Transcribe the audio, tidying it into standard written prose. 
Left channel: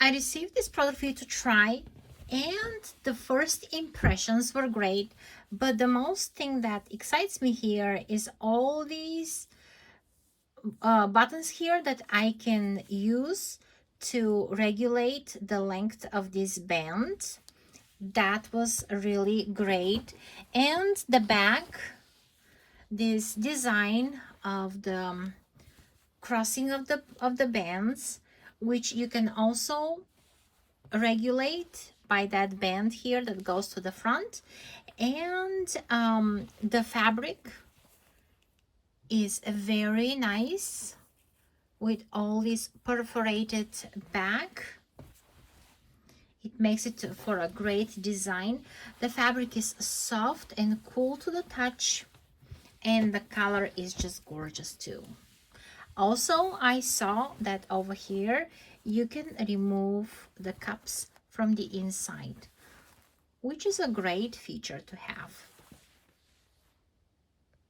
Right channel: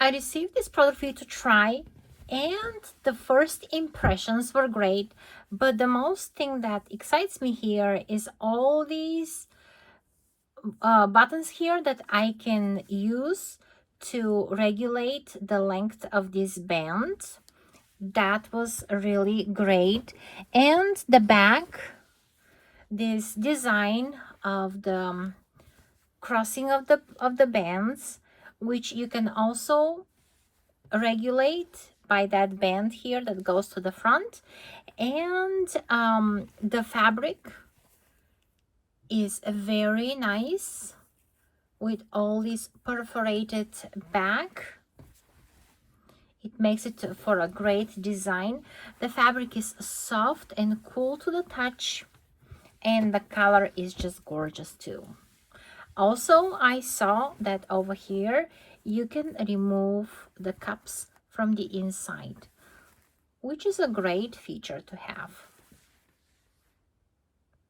I received this product for you to try, and the first impressions were great, but the most thing that excites me here is all these buttons here that I can use to regulate the length of this band. That was really great. And the back, this design of the crossing of the bands, which you can also regulate by that band here that goes to the front. And the fabric is very nice with all this perforated back. It makes it for a great design. The fabric is soft and cool to the touch, and the color is just gorgeous too. Also, I saw that over here you can remove the cups from the inside, which is a great feature to have.